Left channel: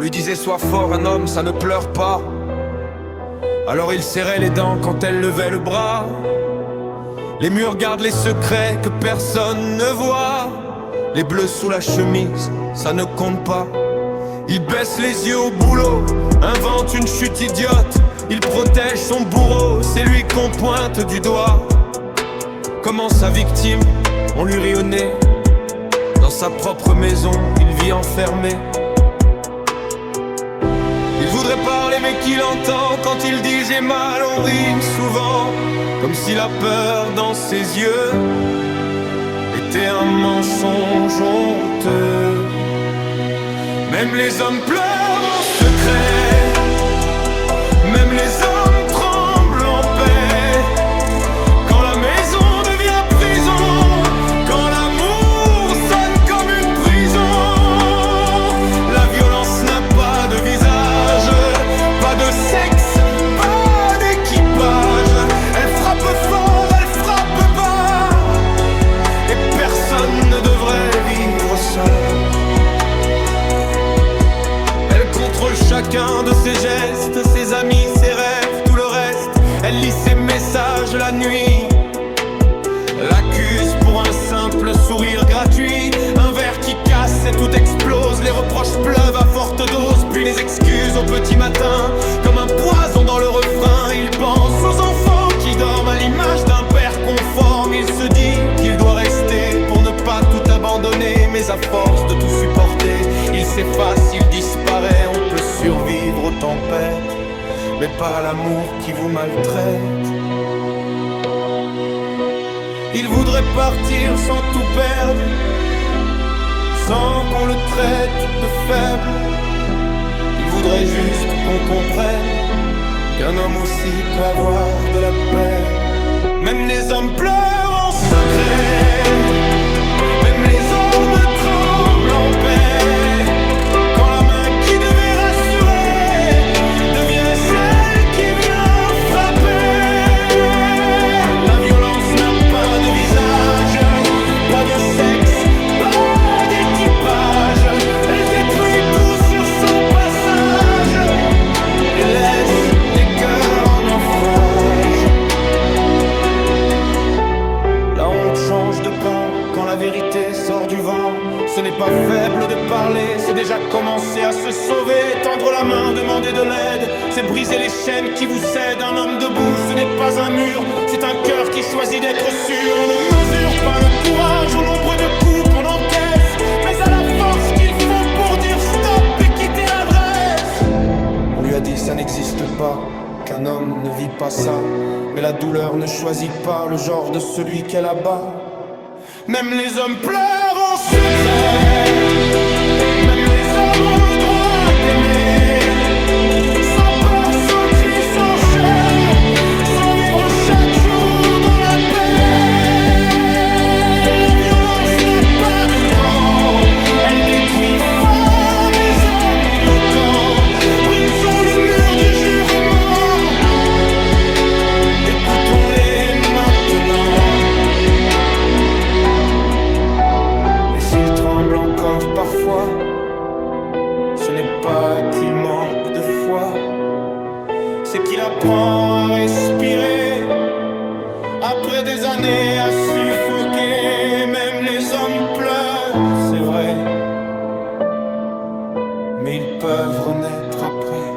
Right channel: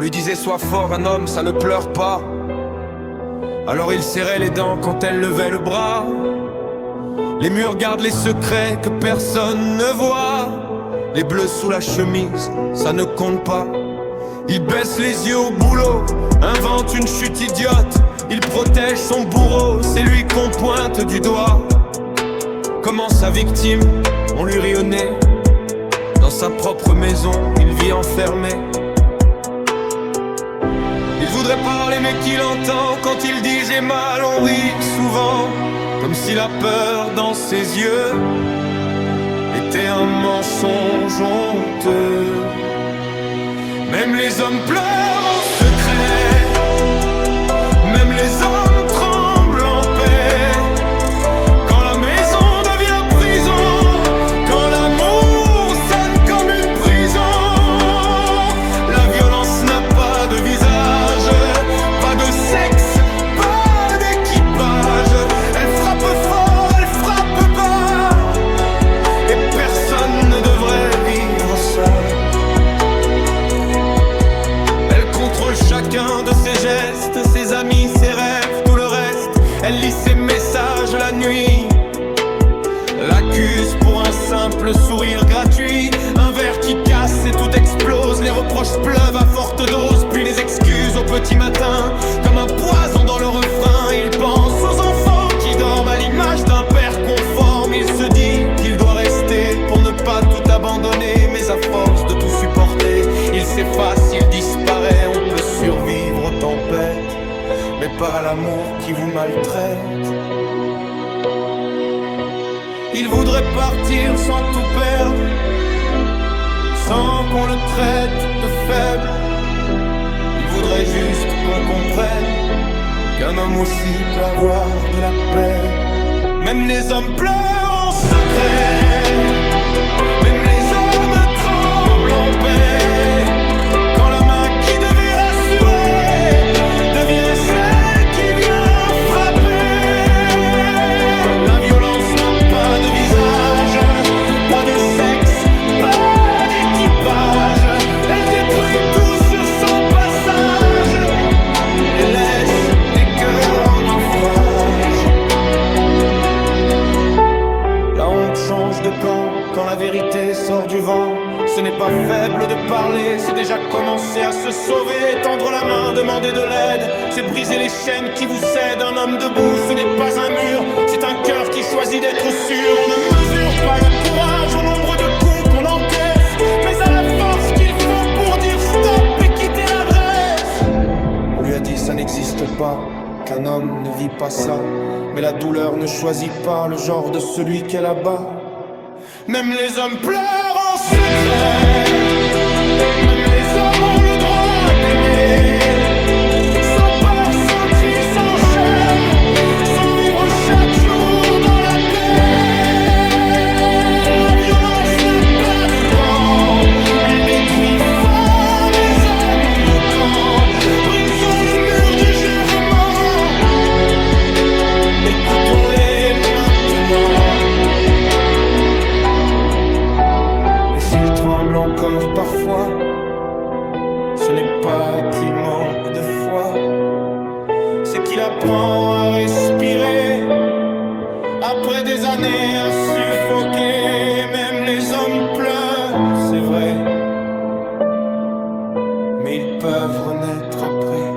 lui disait sois fort, un homme ça ne pleure pas. Alors il serrait les dents quand elle levait le bras. Les murs gardent les secrets que personne ne voit. Les bleus sous la chemise, ça ne compte pas. Il baisse les yeux au boulot, invente une chute idiote. Il protège son bourreau, c'est lui qu'on pointe du doigt. Comment sa victime, on lui rit au nez. Dans sa propre maison, il vit enfermé. Il voudrait parler mais qu'il entend quand il dit j'ai mal, on rit souvent. Comme si la peur dans ses yeux était un mensonge honteux. Même les hommes pleurent en secret, même les hommes tremblent en paix. Quand la maison devient prison, quand l'amour sonne comme une prison. La violence n'a pas de visage, pas de sexe, pas d'équipage. Elle frappe fort, elle frappe bas, et personne ne devrait vivre seul. Elle contrôle chacun de ses gestes, ses amis, ses rêves, tout le reste. Elle lit ses messages la nuit, l'accuse pour un simple sourire gratuit. Un verre qui casse et tout explose. Les reproches pleuvent à forte dose, puis les excuses au petit matin. Comme un poison dans le refrain, il pense aux enfants qui dorment à l'image d'un père conforme. Il se dit qu'il doit rester pour ne pas tout abandonner. Mais à force de tout supporter, il s'efface, il disparaît. On peut survivre aux tempêtes, mais pas à l'amour qui vous maltraite. Il voudrait partir sans tout perdre, sans qu'on le traite de faible. Il voudrait juste qu'on comprenne qu'un homme aussi peut avoir de la peine. Même les hommes pleurent en secret, même les hommes tremblent en paix. Quand la main qui devait rassurer devient celle qui vient frapper. La violence n'a pas de visage, pas de sexe, pas d'équipage. Elle détruit tout sur son passage et laisse des cœurs en naufrage. La honte change de camp quand la vérité sort du vent. Ce n'est pas faible de parler, c'est déjà commencer à se sauver. Tendre la main, demander de l'aide, c'est briser les chaînes qui vous cèdent. Un homme debout, ce n'est pas un mur, c'est un cœur qui choisit d'être sûr. On ne mesure pas le courage au nombre de coups qu'on encaisse, mais à la force qu'il faut pour dire stop et quitter l'adresse. On lui a dit ça n'existe pas, qu'un homme ne vit pas ça. Mais la douleur ne choisit pas le genre de celui qu'elle abat. Même les hommes pleurent en secret, même les hommes ont le droit d'aimer. Sans peur, sans cri, sans chaîne, sans vivre chaque jour dans la paix. La violence n'a pas de camp, elle détruit femmes et hommes autant. Brisons le mur du jurement, écoutons-les maintenant. Et s'il tremble encore parfois, ce n'est pas qu'il manque de foi, c'est qu'il apprend à respirer après des années à suffoquer. Même les hommes pleurent, c'est vrai, mais ils peuvent renaître après.